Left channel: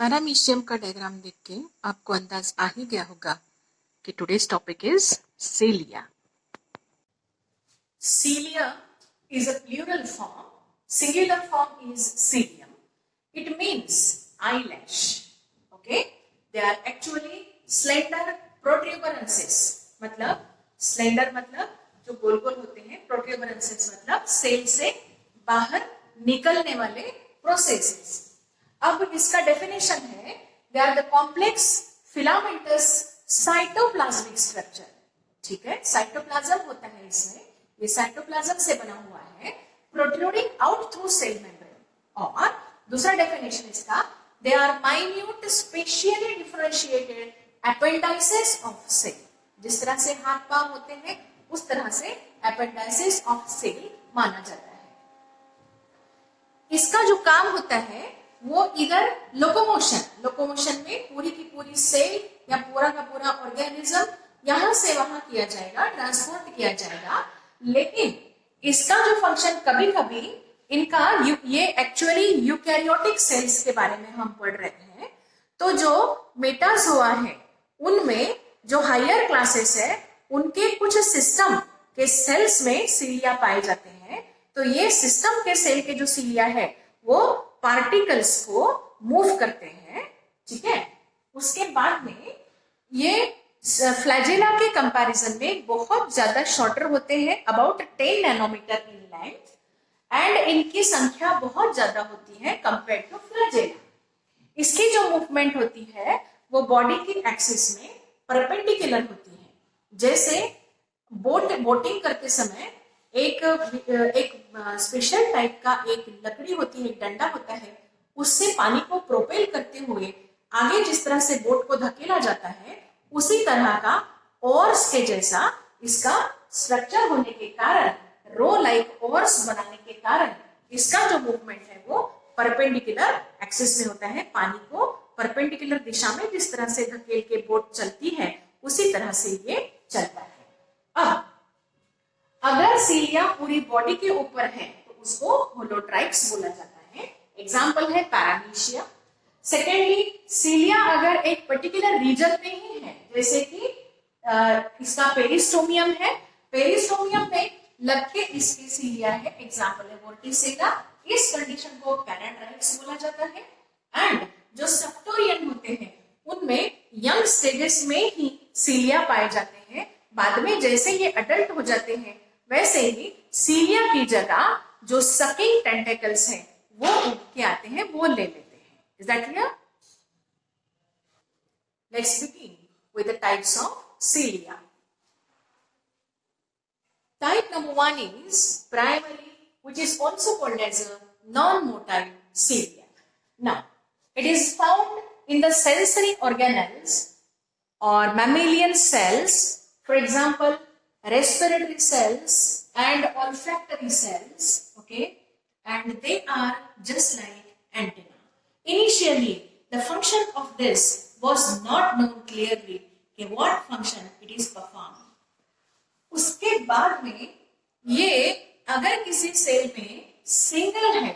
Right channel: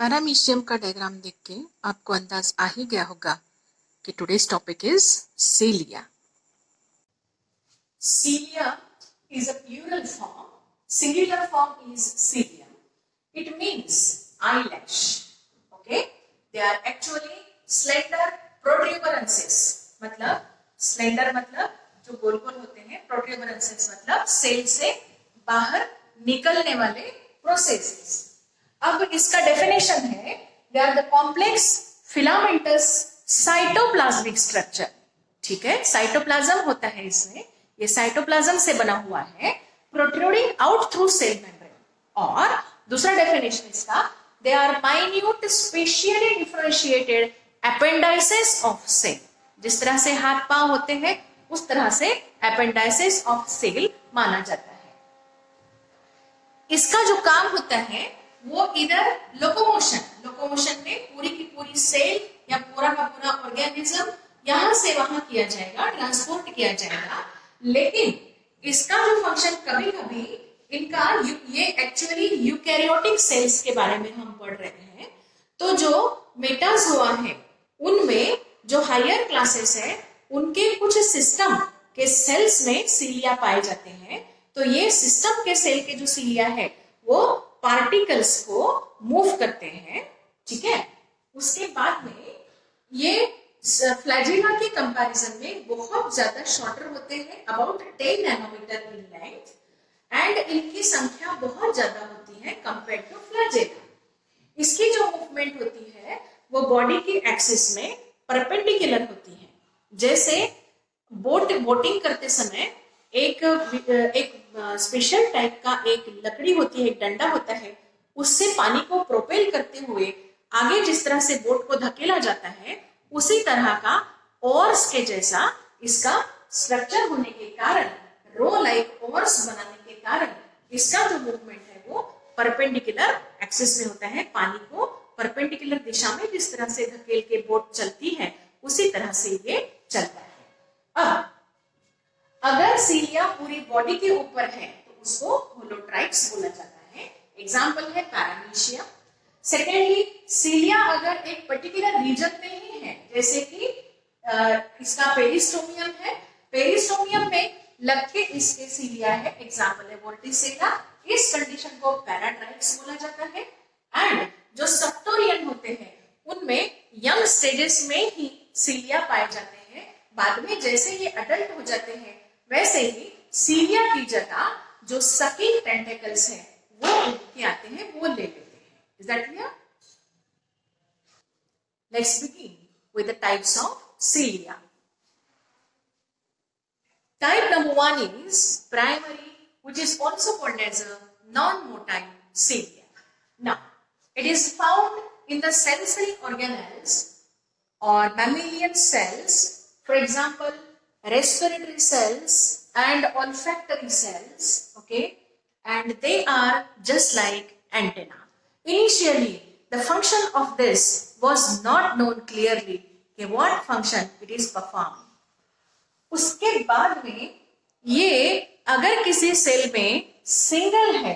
Paramecium का diagram देख के आपको अंदाज आ ही गया होगा कि today's topic is cilia. Cilia is a plural form. Singular form is cilium. It means eyelash. Okay? They are actually slender protuberances. मतलब slender मतलब जो गोल गोल होते हैं, protuberances मतलब सेल से बाहर निकलने वाले प्रोसेसेस. अब इसका डेफिनेशन है they are the complex filamentous cytoplasmic structure. ठीक है, साइटोप्लाज्म होता है इसमें, ये साइटोप्लाज्म से बना हुआ है, protruding out through cell membrane. और दूसरा डेफिनेशन इसका they are minute specially differentiated appendices of cell. जिस तरह से हाथ पांव होते हैं उस तरह से एपेंडाइसेस ऑफ सेल माना जाता है. इसका जो काम होता है वो इधर लोकोमोशन में पूरी की पूरी सेल या पूरा का पूरा ऑर्गेनिज्म यहां से वहां किया जाएगा, ट्रांसपोर्ट किया जाएगा. लेकिन इसका जो फंक्शन कभी कभी इनका ये एक्चुअली यूकैरियोटिक सेल्स के बारे में हम पढ़ रहे हैं. तो जो मेटाजोआ है उनमें जो हायर क्लासेस है उनके कुछ सिस्टम के सेल्स में सीलिया पाए जाते हैं. तो ये सिस्टम के सेल के जो सीलिया है वो पार्टिकल्स को मूव करते हैं. ठीक है, उसके बाद में ये फ्लैजेला के कंपैरिजन में बहुत ज्यादा शॉर्टर होते हैं, about 10 nanometre in length, and इनकी संख्या बहुत ज्यादा होती है कंपेयर टू फ्लैजेला. इसकी जो मूवमेंट होती है वो बॉडी की एक्सिस में परपेंडिकुलर होती है. जैसे बोटिंग करते समय एक स्पेशल टाइप का एक लकड़ी होती है, एक डंडा होता है, उससे पानी को प्रोपेल करते हुए आगे जिस तरह से बोट को धकेला जाता है उसी तरह का ओर्स के जैसा इसका स्ट्रक्चर होने के कारण, रो लाइक ओर्स बनाने के कारण इसका जो मूवमेंट है वो परपेंडिकुलर एक्सिस में होता है. पानी को परपेंडिकुलर दिशा में जिस तरह से धकेल के बोट चलती है उसी तरह से ये चलता है. अब अगर सीलिया पूरी बॉडी के ऊपर है तो उसको होलोट्राइक्स बोला जाता है. एग्जाम्पल है पैरामीशिया. सेकेंडली, सीलिया अगर एक पर्टिकुलर रीजन में ही है, जैसे कि इसका पेरिस्टोमियम है, पेरिस्टोमियम में लग के इसके सीलिया है, एग्जाम्पल है वोर्टिसेला. इस कंडीशन को पैराट्राइक्स बोला जाता है. एंड जो सेप्टोरियन होते हैं उनमें यंग स्टेजेस में ही सीलिया पाए जाते हैं. बाद में जैसे ये अडल्ट हो जाते हैं वैसे ही सीलिया की जगह जो सकिंग टेंटेकल्स हैं वो उठ के आते हैं, वो ले लेते हैं. Is that clear? Let's begin with the types of सीलिया. Type number 1 is primary, which is also called as a non-motile cilia. Now, it is found in the sensory organelles or mammalian cells, for example, respiratory cells and olfactory cells, okay, and they are just like antenna. Initially, the function of this was not known clearly, okay, what function it is performing. उसके बाद में ये अगर किसी cell में single है,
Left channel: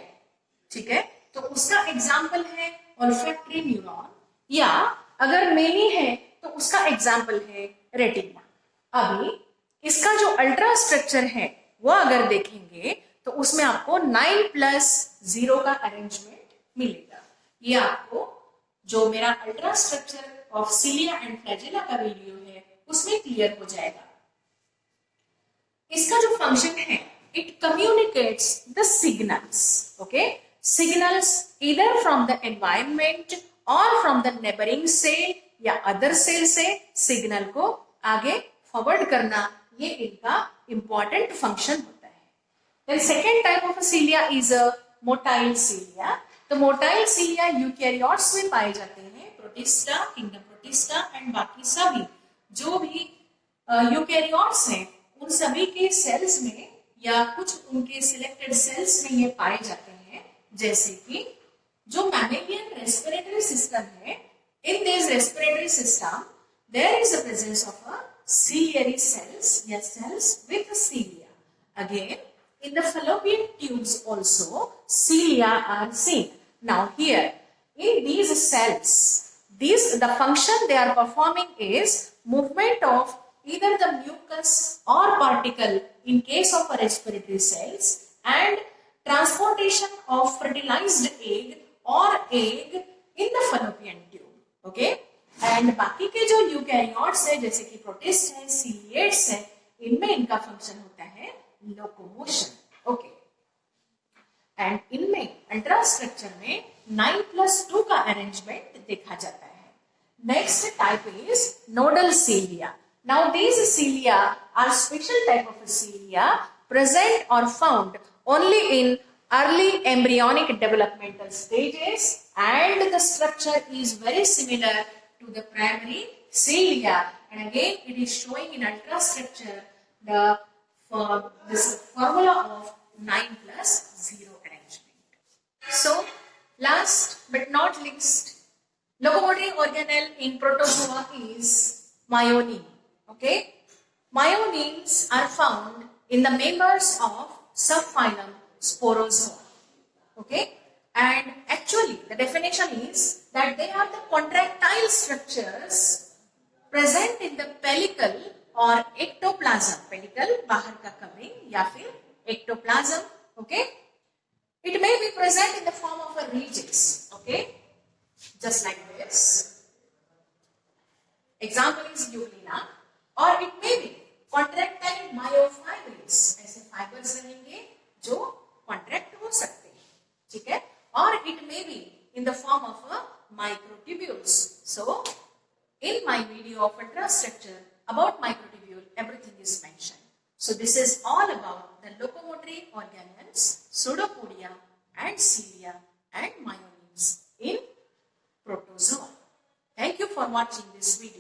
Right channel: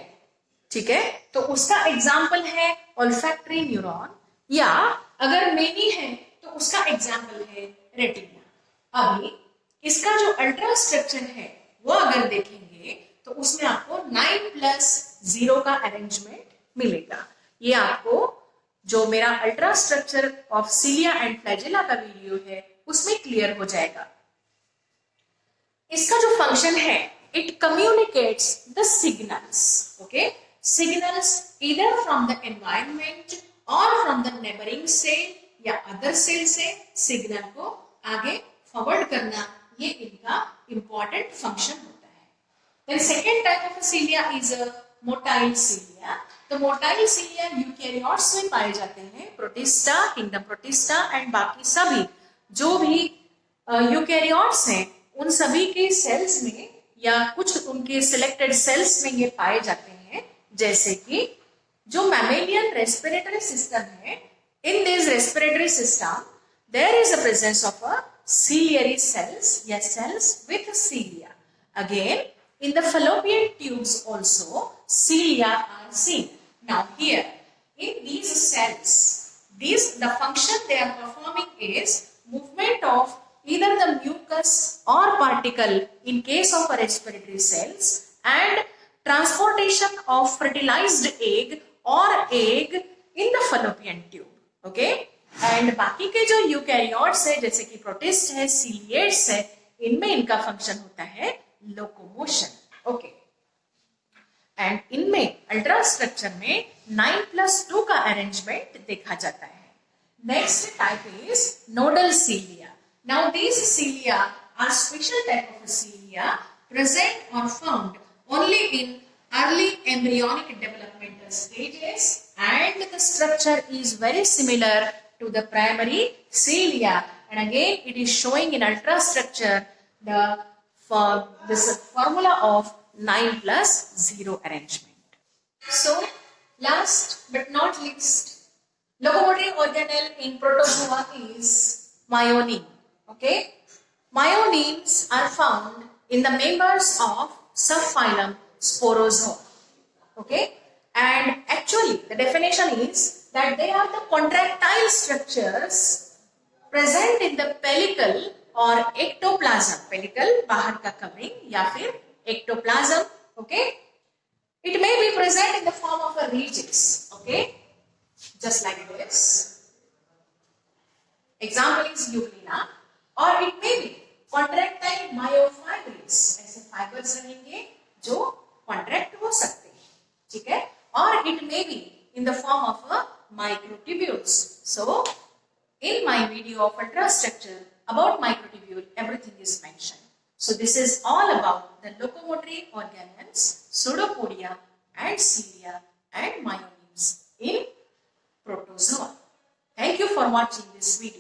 ठीक है, तो उसका एग्जाम्पल है ऑल्फैक्टरी न्यूरॉन, या अगर मेनी है तो उसका एग्जाम्पल है रेटिना. अभी इसका जो अल्ट्रा स्ट्रक्चर है वो अगर देखेंगे तो उसमें आपको 9+0 का अरेंजमेंट मिलेगा. ये आपको जो मेरा ultra structure of cilia and flagella का वीडियो है उसमें क्लियर हो जाएगा. इसका जो फंक्शन है, it communicates the signals, okay, signals इधर फ्रॉम द एनवायरनमेंट और फ्रॉम द नेबरिंग सेल या अदर सेल से सिग्नल को आगे फॉरवर्ड करना, ये इनका इंपॉर्टेंट फंक्शन होता है. Then second type of cilia is a motile cilia. तो मोटाइल सीलिया यूकैरियोट्स में पाए जाते हैं, प्रोटिस्टा, किंगडम प्रोटिस्टा एंड बाकी सभी जो भी यूकैरियोट्स हैं उन सभी के सेल्स में या कुछ उनके सिलेक्टेड सेल्स में ये पाए जाते हैं. जैसे कि जो मैमेलियन रेस्पिरेटरी सिस्टम है, in this respiratory system there is a presence of a ciliary cells, yes, cells with cilia. Again, in the fallopian tubes also cilia are seen. Now here, in these cells cells. The function they are performing is movement of either the mucus or particle in case of a respiratory cells, and transportation of fertilized egg or egg in the fallopian tube. Okay, and बाकी के जो eukaryotes है जैसे कि protist है, सीलिएट्स है, इनमें इनका फंक्शन होता है लोकोमोशन. ओके, एंड इनमें अल्ट्रा स्ट्रक्चर में 9+2 का अरेंजमेंट देखा जाता है. Next type is nodal cilia. Now these cilia are special type of cilia present or found only in early embryonic developmental stages, and the structure is very similar to the primary cilia, and again it is showing in ultrastructure this formula of 9+0 arrangement. So last but not least, locomotive organelle in protozoa is myonin. Okay, myoneins are found in the members of subphylum Sporozoa. Okay, and actually the definition is that they are the contractile structures present in the pellicle or ectoplasm. Pellicle बाहर का covering या फिर ectoplasm. Okay, it may be present in the form of a regis. Okay, just like this. Example is Euglena, or it may be contractile myofibers. ऐसे fibers रहेंगे जो contract हो सकते हैं, ठीक है, or it may be in the form of a microtubules. So in my video of ultrastructure about microtubule, everything is mentioned. So this is all about the locomotory organelles, pseudopodia and cilia and myoneins in protozoa. Thank you for watching this video.